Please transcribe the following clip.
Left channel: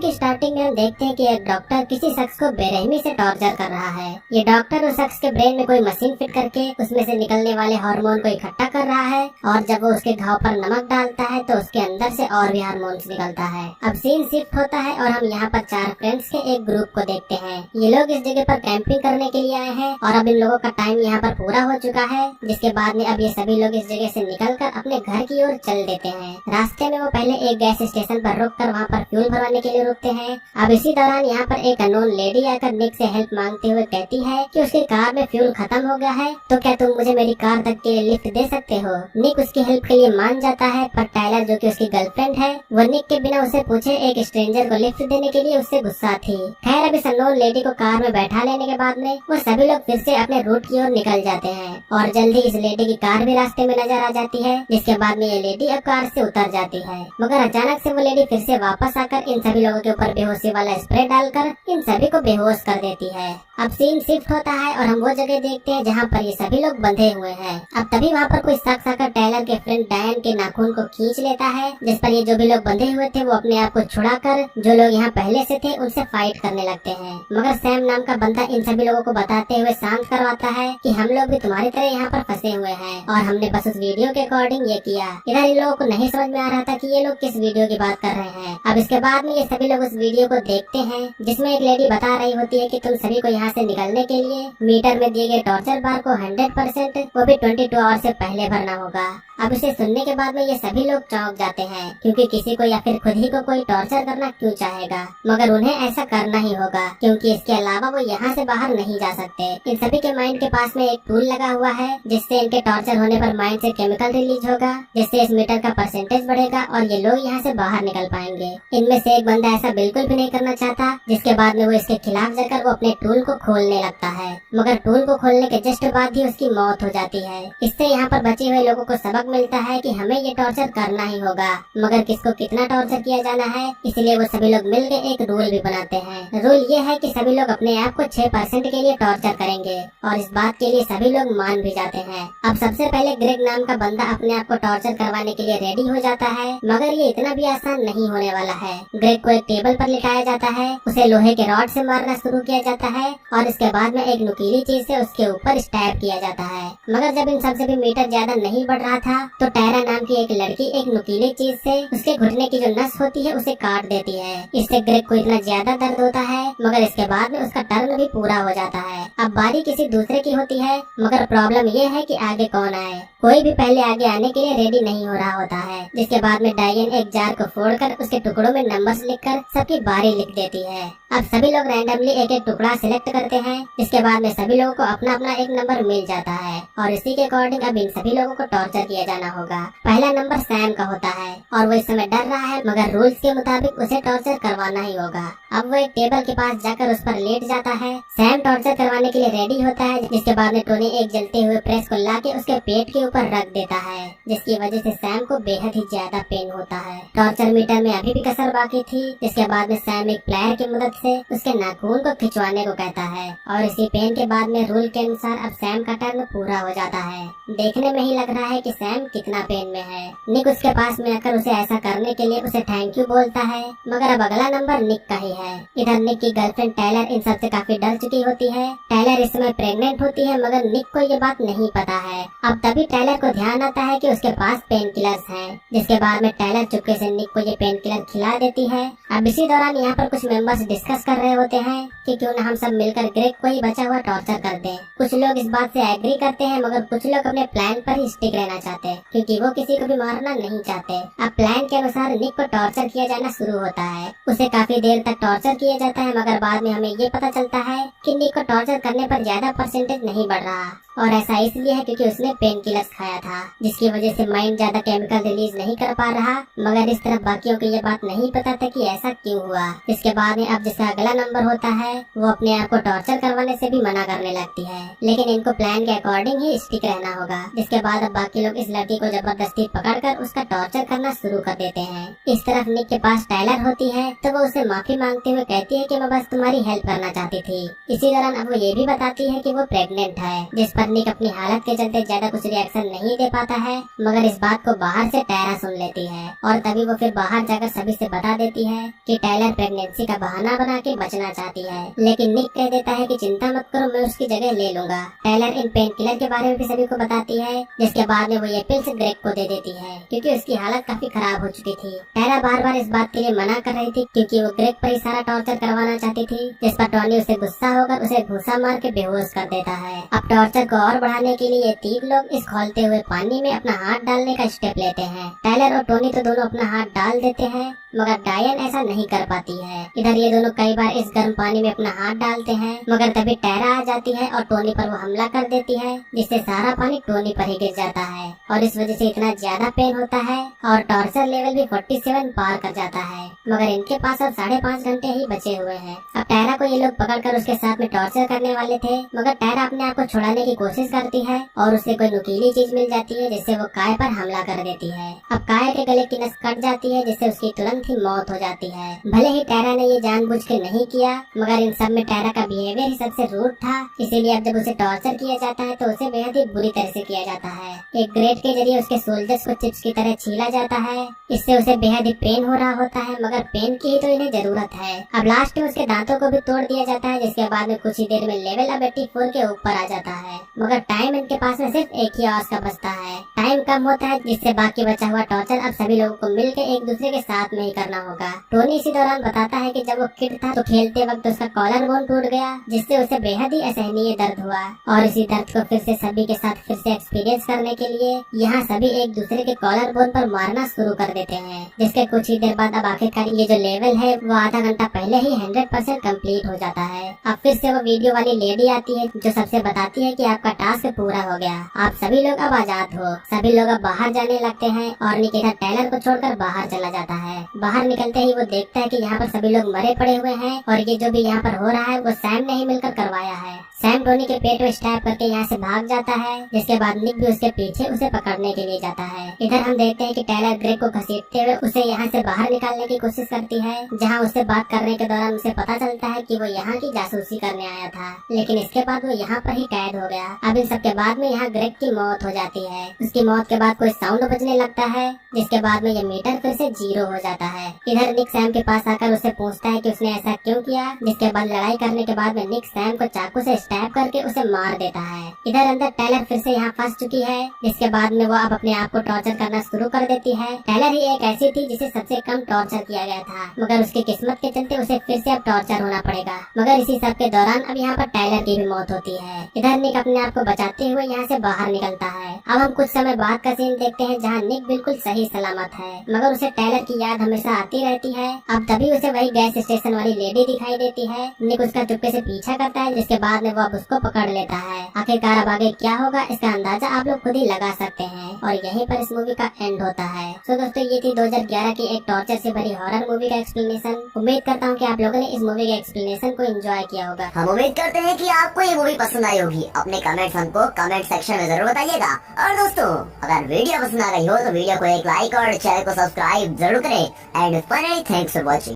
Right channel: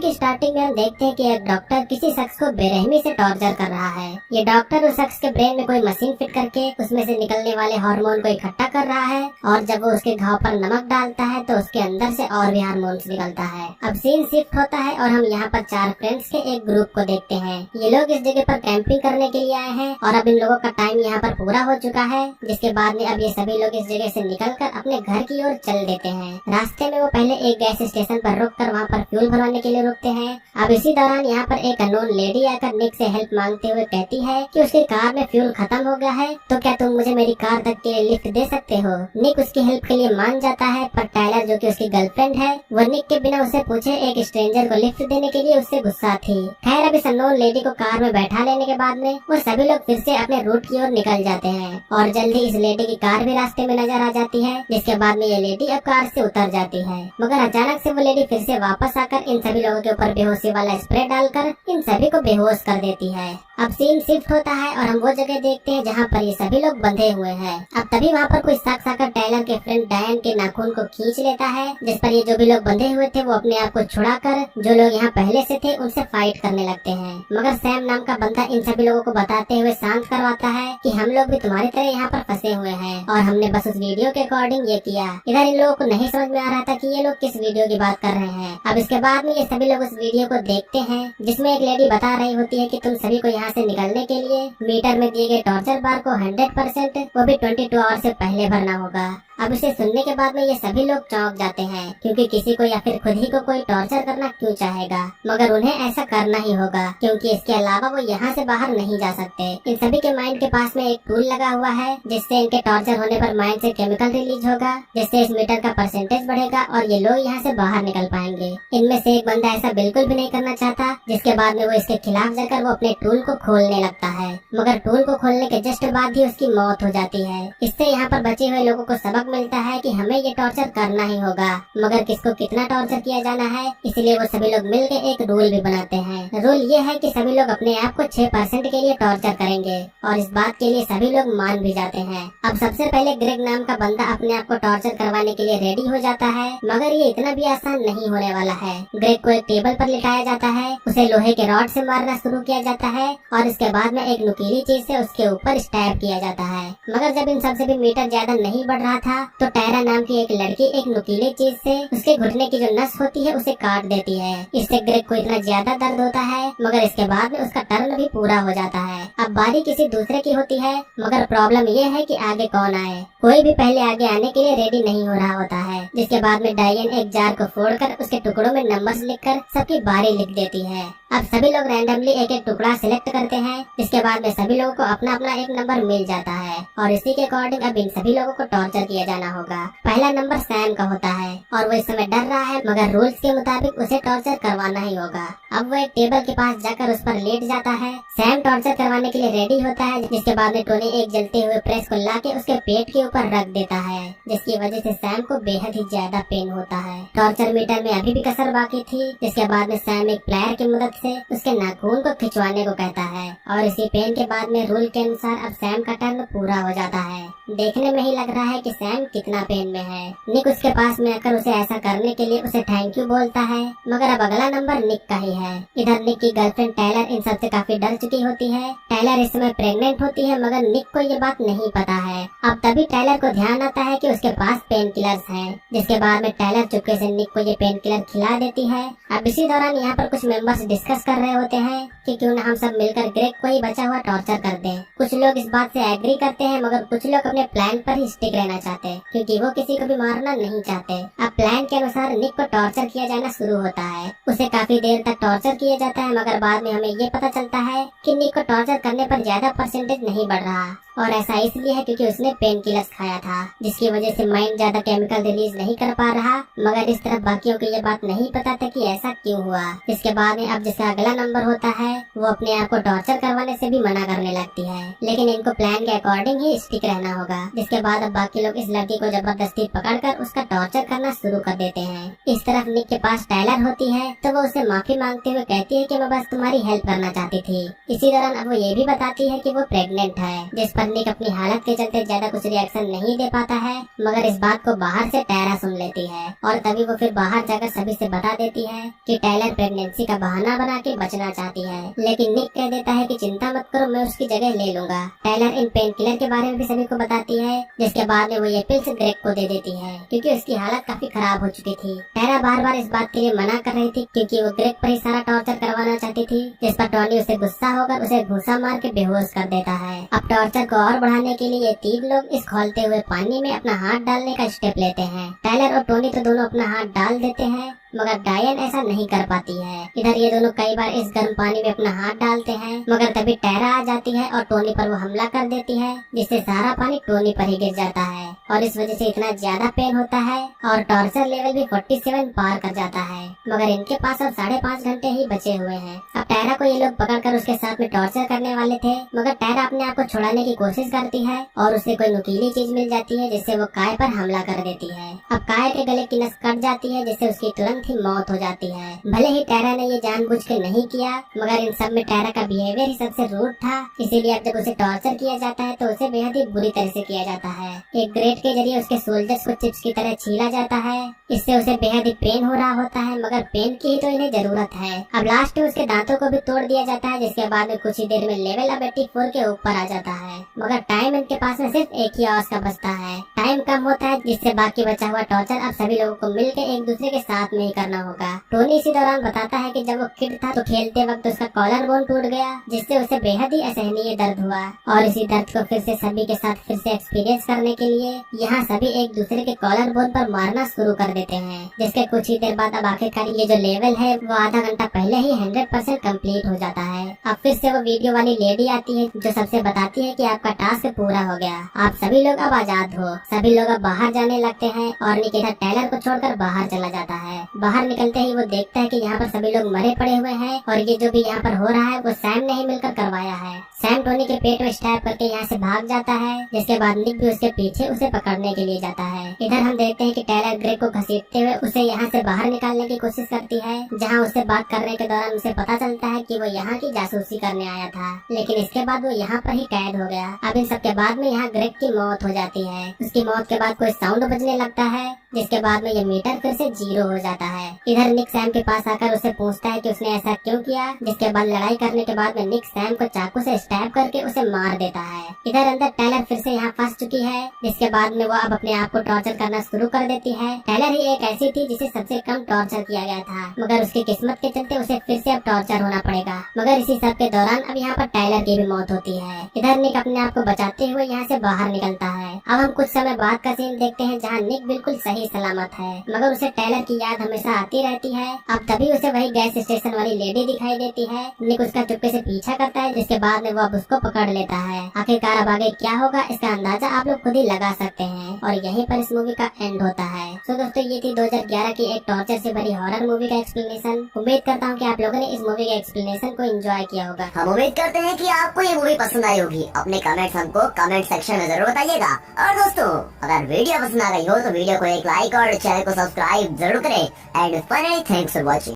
की स्टार्टिंग में हम देखते हैं कि एक डॉक्टर किसी शख्स को बेरहमी से टॉर्चर कर रहा है। ये डॉक्टर उस शख्स के ब्रेन में कोई मशीन फिट करके उसमें से निकलने वाले हार्मोन को इकट्ठा कर रहा है और जब वो उसके घाव पर नमक डालता है तो उसके अंदर से और भी हार्मोन्स निकलता है। अब सीन शिफ्ट होता है और हम यहाँ पर 4 फ्रेंड्स के एक ग्रुप को देखते हैं। ये लोग इस जगह पर कैंपिंग करने के लिए आए हैं और अब इन लोगों का टाइम यहाँ पर पूरा हो चुका है, जिसके बाद में अब ये सभी लोग इस जगह से निकलकर अपने घर की ओर चल देते हैं। रास्ते में वो पहले एक गैस स्टेशन पर रुककर वहाँ पर फ्यूल भरवाने के लिए रुकते हैं। अब इसी दौरान यहाँ पर एक अननोन लेडी आकर निक से हेल्प मांगते हुए कहती है कि उसकी कार में फ्यूल खत्म हो गया है, तो क्या तुम मुझे मेरी कार तक के लिए लिफ्ट दे सकते हो। निक उसकी हेल्प के लिए मान जाता है, पर टायलर जो कि उसकी गर्लफ्रेंड है वो निक के बिना उसे पूछे एक स्ट्रेंजर को लिफ्ट देने के लिए उससे गुस्सा थी। खैर अब इस अननोन लेडी को कार में बैठा लेने के बाद में वो सभी लोग फिर से अपने रूट की ओर निकल जाते हैं और जल्दी इस लेडी की कार भी रास्ते में नजर आ जाती है, जिसके बाद में ये लेडी अब कार से उतर जाती है। मगर अचानक से वो लेडी फिर से वापस आकर इन सभी लोगों के ऊपर बेहोशी वाला स्प्रे डालकर इन सभी को बेहोश कर देती है। अब सीन शिफ्ट होता है और हम वो जगह देखते हैं जहाँ पर ये सभी लोग बंधे हुए हैं। अब तभी वहाँ पर कोई शख्स आकर टायलर के फ्रेंड डायन के नाखून को खींच लेता है, जिस पर ये जो भी लोग बंधे हुए थे वो अपने आप को छुड़ाकर जो लोग यहाँ पहले से थे उनसे फाइट करने लगते हैं। मगर सैम नाम का बंदा इन सभी लोगों को बताते हुए शांत करवाता है कि हम लोग भी तुम्हारी तरह यहाँ पर फंसे हुए हैं और हमने बस उस वीडियो के अकॉर्डिंग ये किया। इधर इन लोगों को नहीं समझ में आ रहा था कि ये लोग किस वीडियो की बात कर रहे हैं। अब इसके बाद में ये सभी लोग उस वीडियो को देखते हैं जिसमें एक लेडी बता रही होती है कि तुम सभी को यहाँ से निकलने के लिए मीटर में दिए गए टॉर्चर बार को 100% वो भी 22 आवर से पहले भरना होगा। अब इसे सुनने के बाद में ये सभी लोग चौंक जाते हैं, क्योंकि किसी को या फिर खुद ही को कोई टॉर्चर करना क्यों चाहेगा, मगर उन्हें ऐसा करना ही होगा क्योंकि इसके अलावा वो यहाँ से बाहर नहीं जा सकते। इन सभी के माइंड के पास में एक टूल लगा हुआ है जिससे इनके टॉर्चर होने पर माइंड से केमिकल रिलीज होगा, जिससे इस मीटर का परसेंटेज बढ़ेगा और ये लोग यहाँ से बाहर निकल पाएंगे। इनमें से एक बंदा ऐसा बिल्कुल भी नहीं करना चाहता, जिसके बाद में वो इसके खिलाफ जाकर वो अपने टूल को खोलने लगता है, मगर टूल को खोलने के जस्ट बाद ही उसकी मौत हो जाती है। इससे यहाँ पर बचे हुए लोगों को सबक मिलता है कि हमें ये टॉर्चर करना ही होगा, मगर किसको कितना टॉर्चर किया जाना है, इसलिए वो सभी लोग मिलकर एक रूल भी बनाते हैं। रूल ये है कि सभी लोग अपने आप को 6% के लिए टॉर्चर करेंगे और इस बात के लिए सभी लोग मान भी जाते हैं। अब सबसे पहले ग्रेग नाम का बंदा अपने आप को टॉर्चर करवाने के लिए रेडी हो जाता है, मगर ये इतना भी आसान नहीं होने वाला है। ग्रेग को एक टेबल पर लिटाया जाता है, उसे लोहे के रॉड से मारना शुरू किया जाता है और इसके बाद में एक नुकीली चीज से उसके ऊपर स्टैब किया जाता है। मगर जब इन सबसे भी मीटर ज्यादा नहीं बढ़ रहा था तो टायरा नाम की एक लड़की एक नुकीली चीज से उसके घुटने की जो नस होती है उसे काट देती है। इससे ग्रेग को इतना ज्यादा दर्द होता है, मगर इसके बाद में उसका टर्न भी पूरा हो जाता है। अब बारी किसी दूसरे की होती है, मगर प्रॉब्लम ये है कि आगे कौन आए। कोई भी पहले आगे आने के लिए रेडी नहीं हो रहा होता है, जिसके बाद में डायन एक जार को फोड़कर उसके टुकड़ों में नंबर्स लिखकर सबकी बारी लिख देती है। अब सभी लोग रैंडमली एक एक टुकड़ा सिलेक्ट करते हैं, जिसके बाद में सभी लोगों को अपना अपना एक नंबर मिल जाता है और इसी के अकॉर्डिंग अब इन सभी लोगों को टॉर्चर किया जाना होगा। पहला नंबर सैम का होता है और वो इस समय डर रहा है, मगर रूल्स के मुताबिक उसे टॉर्चर करवाना ही होगा। अब वो एक टेबल के पास जाकर उस पर लेट जाता है। सैम टॉर्चर करवाने के लिए रेडी होता है, जिसके बाद में टोनी एक जलते हुए प्रेस को लाके उसके पेट के ऊपर रख देता है, जिसकी वजह से सैम को बेहद ही ज्यादा पेन होता है। टॉर्चर मीटर में अभी भी कसर बाकी थी, जिसके बाद में सैम एक प्लायर की मदद से उसके नाखून को खिंचवाने को कहता है और इसी पेन के बाद में रूल के अनुसार अब सैम का टर्न पूरा हो जाता है। देखने में ही लग रहा है कि सैम कितना पेन में है। निक उसके पास में आकर उसे ऐसा करने के लिए उसे थैंक यू बोलता है, मगर अब अगला नंबर निक का ही है। इधर निक की गर्लफ्रेंड टायलर इन सब से काफी डर चुकी होती है। टायलर इस समय प्रेग्नेंट होती है, मगर निक को ये बात नहीं पता है। अब तभी टायलर को ध्यान आता है कि उसके पास पेन किलर्स हैं, जिसके बाद में टायलर चुपके से निक को ये पेन किलर खिला देती है। अब इसी दौरान यहाँ पर कुछ मेंबर्स डिस्कस कर रहे होते हैं कि क्यों न हम सब मिलकर ग्रेग को ही बचा हुआ टॉर्चर कर दें। कुछ लोग इस बात से एग्री करते हैं, मगर कुछ लोग अपने प्लान पर ही स्टिक रहना चाहते हैं, क्योंकि वो किसी को भी मारना नहीं चाहते। अब प्लान के अनुसार निक को टॉर्चर किया जाना शुरू होता है। उसे काफी देर तक टॉर्चर किया जाता है, मगर बाद में हमें ये पता चलता है कि निक को टॉर्चर करने पर ज्यादा परसेंटेज नहीं बढ़ रहा, और ऐसा इसलिए है क्योंकि उसने पेन किलर्स खाया था, जिसकी वजह से माइंड ज्यादा केमिकल रिलीज नहीं कर पा रहा। मगर इस तरफ बाकियों को ये बात नहीं पता था कि ऐसा क्यों हुआ। इसके बाद में अब जिसका अगला नंबर होता है वो अपने आप को टॉर्चर करवाने से भी मना करने लगती है, लेकिन इनको प्लान के अकॉर्डिंग ही स्टिक रहना होगा। जिसके बाद अब बाकी लोग इस लड़की को जबरदस्ती पकड़कर उसका टॉर्चर करना शुरू कर देते हैं। इस तरफ निक के पास टायलर होती है, तो वो उससे माफी मांगते हुए कहती है कि मैं बस तुम्हारी हेल्प करना चाहती थी। इसी दौरान अब वो ये भी बताती है कि वो प्रेग्नेंट है, जिस पर निक अपनी हालत के चलते ज्यादा कुछ रिएक्शन नहीं दे पाता है, मगर इस बात को बाहर से टायरा सुन लेती है और तभी वो फिर बाहर जाकर सभी से बता देती है कि टायलर प्रेगनेंसी का बहाना बना के बचना चाहती है। लेकिन निक कह देता है कि चिंता मत करो, मैं उसकी जगह ले लूंगा। टायलर इन पेन किलर के बारे में भी सभी को बताती है, जिसके बाद में वो ये पिल्स ग्रेग को दे देती है क्योंकि उसकी हालत काफी खराब हो चुकी थी। टायरा बार बार इस बात के लिए मना कर रही थी क्योंकि वो ग्रेग पर ही सारा टॉर्चर करवाना चाहती थी, जिस पर टॉनी उसे गुस्सा होकर उसे घूंसा मार के बेहोश कर देता है। अब टॉर्चर को और बढ़ाने के लिए ये तीन लोग इस खौलते हुए पानी में अपना हाथ डालने का स्टेप लेते हैं। टायलर और टोनी तो दोनों अपना हाथ डाल देते हैं, मगर डायन ऐसा नहीं कर पाती है। इधर ये दोनों कई बार इस गर्म पानी में अपना हाथ डालते हैं, मगर तभी टायरा आ जाती है और टोनी पर वो हमला कर देती है, जिससे सारा पानी टोनी पर ही गिर जाता है और इस वजह से इतना ज्यादा पेन होता है और टॉर्चर लेवल भी 47 पार कर जाता है। मगर इनके पास अब 5.5 घंटे ही बचे हुए हैं। अब टायरा को ये लोग पकड़कर उसके साथ में टॉर्चर करने वाले थे, मगर टायरा अपने आप को छुड़ाने की कोशिश करती है और उसे कोई नुकीली चीज मिल जाती है, जिससे वो काय पर हमला कर देती है। अब काय के गले की नस कट जाती है, जिससे उसकी तुरंत ही मौत हो जाती है। भले ही टायरा ने ये जानबूझ के नहीं किया, मगर इन सब में टायरा का बिहेवियर ही सबसे रूड था, इसीलिए अब जब उसे टॉर्चर किया जाता है तो उसे बेहद ही बुरी तरह से किया जाता है। एक ग्रेट के जरिए उसके सोल्जर्स को चिप्स की तरह छीला जाता है, इससे उसे बेहद ही पेन हो रहा होता है, मगर पेन की ही तो इन्हें जरूरत है। अब लास्ट में उसके दांतों को भी तोड़ दिया जाता है, जिसके बाद में कुछ ही देर में लेवल अब 84 के ऊपर आ जाता है, मगर टाइम इनके पास में सिर्फ एक ही आवर्स का बचता है। टाइम कम होता है, जिससे बाकी बचा हुआ टॉर्चर अब सभी लोगों को मिलकर एक दूसरे के साथ में ही करना होगा। टोनी इसी दौरान बताता है कि जब वो किड था तो खेलते वक्त उसका कॉलर बोन टूट गया, जिससे उसे बेहद ही असहनीय दर्द हुआ और इसी दर्द को फिर से सभी के साथ फिर से एक्सपीरियंस करने के लिए यहाँ सभी एक दूसरे के कॉलर बोन पर मारना शुरू कर देते हैं, जिसके कुछ ही देर बाद अब आखिरकार ये जो लेवल है वो आधा घंटा पहले ही 100% कंप्लीट हो जाता है। अब फिर से वो वीडियो वाली लेडी आती है जो सबसे बताती है कि आपका टास्क पूरा हो गया, आप सभी लोग अब आजाद हो। सभी लोग अब बाहर जाने लगते हैं और निक इधर टायलर को छोड़कर बाहर चला जाता है। बाहर निकलते ही वो देखता है कि यहाँ पर सभी लोग मरे पड़े हुए हैं और ये जो भी यहाँ पर हो रहा है वो सैम ने ही मिलकर करवाया है। सैम टोनी के पेट में स्टैब करके यहाँ से भाग जाता है, जिसके बाद निक भी उसके पीछे उसे पकड़ने के लिए जाता है। इधर हम देखते हैं कि टायलर ग्रेग को घसीटते हुए उसे यहाँ से बाहर निकालने की कोशिश करती है, जहाँ उससे बात करने के दौरान उसे पता चलता है कि वो यहाँ की जासूसी करने आया था, लेकिन इसके बाद वो यहाँ पर ही कैद हो गया। अब इन सब के बाद में यहाँ ग्रेग की मौत हो जाती है। उसकी मौत के बाद कोई साउंड बजने लगता है, जिसके बाद में ये मीटर फिर से 0 हो जाता है। इधर निक सैम के पास आकर उसे पूछता है कि उसने ऐसा क्यों किया, जिसके बाद लड़ाई करने के बाद में निक सैम को चाकू से स्टैब करके उसे मार देता है। इधर अंदर टायलर फिर से यहाँ फंस चुकी है, जिसके बाद में वो अब अपने आप को टॉर्चर करना शुरू कर देती है। टायलर ही एक ऐसी थी जिसे सबसे कम टॉर्चर किया गया था, मगर उसकी किस्मत के चलते उसे फिर से अब टॉर्चर होना पड़ेगा। मगर इसी सब के दौरान अब यहाँ पर टायलर की भी मौत होती है। इधर निक अपने आप को बचाते हुए यहाँ से बाहर निकलता है। अब हम कुछ समय बाद का सीन देखते हैं जहाँ निक बिल्कुल सही सलामत है, मगर उसे टायलर की याद हमेशा आती रहती है। अब तभी उसे वही गैस स्टेशन वाली लेडी दिखाई देती है। निक उसका चुपके से पीछा करता है, जिसके बाद में वो अब उसको पकड़ लेता है। आखिरकार अब आगे क्या होगा इसका अंदाजा आप लोग खुद ही लगा सकते हैं और यहीं पर इस मूवी का एंड होता है। तो दोस्तों ये थी 2011 की एक टॉर्चर से भरी हॉरर मूवी का एक्सप्लेनेशन। उम्मीद करता हूँ कि आप लोगों ने इस मूवी के एक्सप्लेनेशन को एंजॉय किया होगा। हम उम्मीद करते हैं कि आपको ये मूवी पसंद आई होगी। अपने कमेंट्स हमको कमेंट सेक्शन में जरूर बताइएगा। और दोस्तों अगर वीडियो पसंद आ गई हो तो वीडियो को एक लाइक और चैनल को सब्सक्राइब जरूर करें। And finally thanks for watching.